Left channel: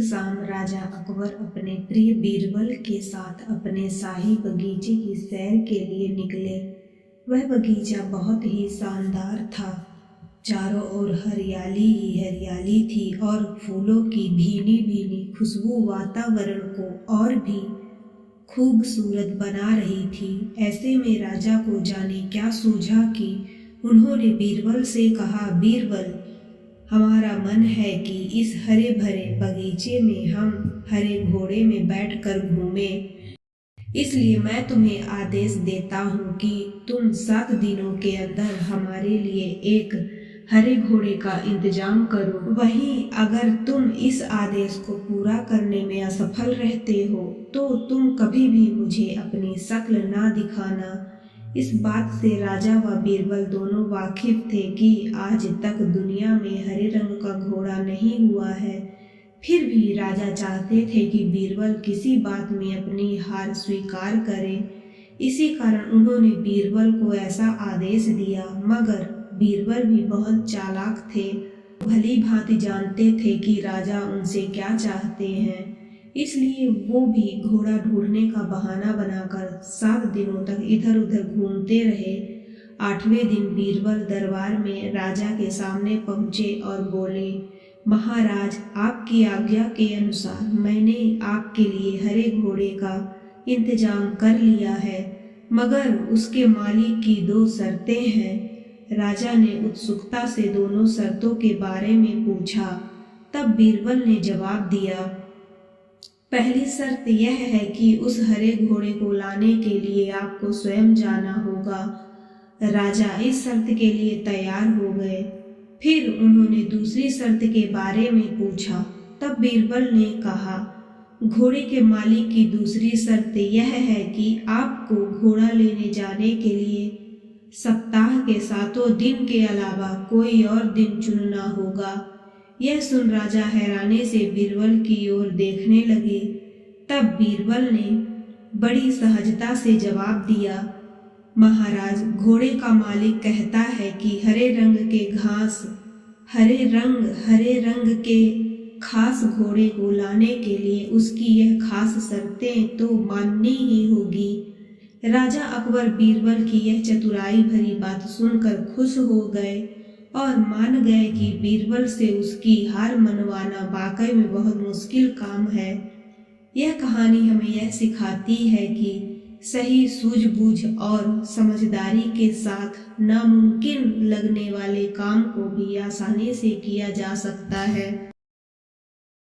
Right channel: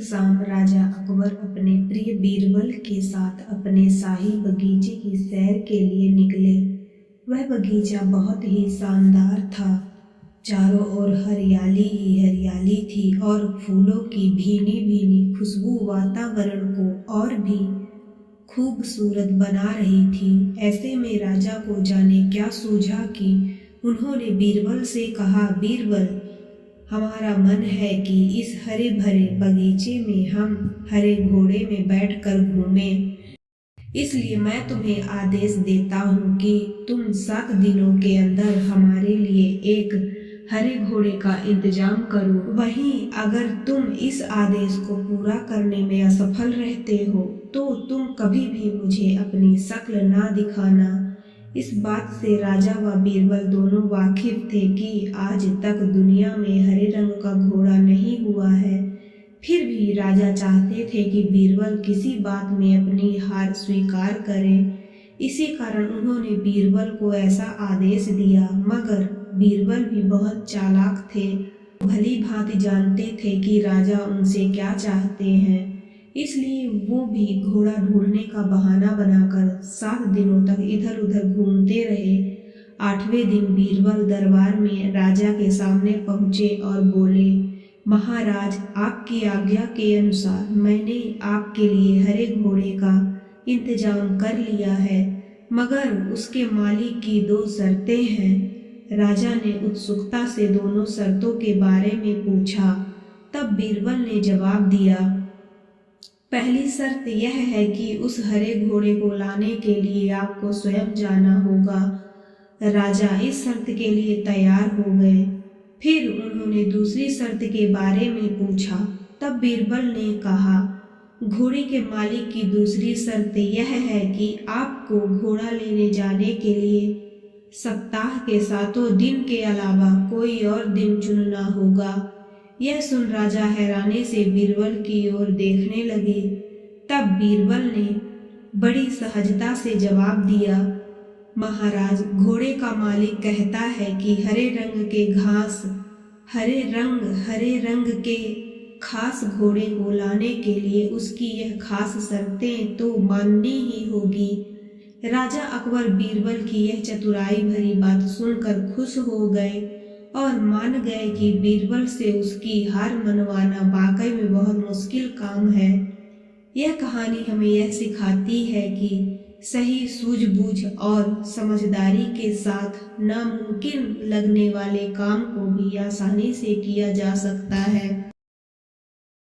शाम राजा अकबर अपने प्रिय बीरबल के साथ अपने शाही बगीचे की सैर के लिए निकले। वह बगीचा बहुत ही शानदार था। चारों ओर हरियाली ही हरियाली थी और फूलों की भीनी भीनी खुशबू वातावरण को और भी खूबसूरत बना रही थी। ऐसे में राजा को जाने क्या सूझा कि उन्होंने बीरबल से कहा, बीरबल, हमारा मन है कि इस हरे भरे बगीचे में हम हरे घोड़े में बैठकर घूमें। इसलिए मैं तुम्हें आदेश देता हूँ कि तुम 7 दिनों के अंदर हमारे लिए एक हरे घोड़े का इंतजाम करो। वहीं अगर तुम इस आदेश को पूरा करने में असफल रहते हो तो तुम कभी भी मुझे अपनी शक्ल ना दिखाना। इस बात से राजा व बीरबल दोनों वाकिफ थे कि आज तक दुनिया में हरे रंग का घोड़ा नहीं हुआ है। फिर भी राजा चाहते थे कि बीरबल किसी बात में अपनी हार स्वीकार करे। इसी कारण उन्होंने बीरबल को ऐसा आदेश दिया। मगर बीरबल भी बहुत चालाक थे। भली भांति जानते थे कि राजा उनसे क्या चाहते हैं। इसलिए वो भी घोड़ा ढूंढने का बहाना बनाकर 7 दिनों तक इधर उधर घूमते रहे। 8वें दिन बीरबल दरबार में राजा के सामने पहुँचे और बोले, महाराज, आपकी आज्ञा के अनुसार मैंने आपके लिए हरे घोड़े का इंतजाम कर लिया है, मगर उसके मालिक की 2 शर्तें हैं। राजा ने उत्सुकता से दोनों शर्तों के बारे में पूछा। तब बीरबल ने जवाब दिया, पहली शर्त यह है कि उस हरे घोड़े को लाने के लिए आपको स्वयं जाना होगा। राजा इस शर्त के लिए तैयार हो गए। फिर उन्होंने दूसरी शर्त के बारे में पूछा। तब बीरबल ने कहा, घोड़े के मालिक की दूसरी शर्त यह है कि आपको घोड़ा लेने जाने के लिए सप्ताह के 7 दिन के अलावा कोई और दिन चुनना होगा। यह सुन राजा हैरानी से बीरबल की ओर देखने लगे। तब बीरबल ने बड़ी सहजता से जवाब दिया, महाराज, घोड़े का मालिक कहता है कि हरे रंग के खास घोड़े को लाने के लिए उसकी यह खास शर्तें तो माननी ही होगी। राजा अकबर बीरबल की यह चतुराई भरी बात सुनकर खुश हो गए और मान गए कि बीरबल से उसकी हार मनवाना वाकई में बहुत मुश्किल काम है। यह कहानी हमें यह सिखाती है कि सही सूझबूझ और समझदारी के साथ नामुमकिन लगने वाले काम को भी आसानी से किया जा सकता है।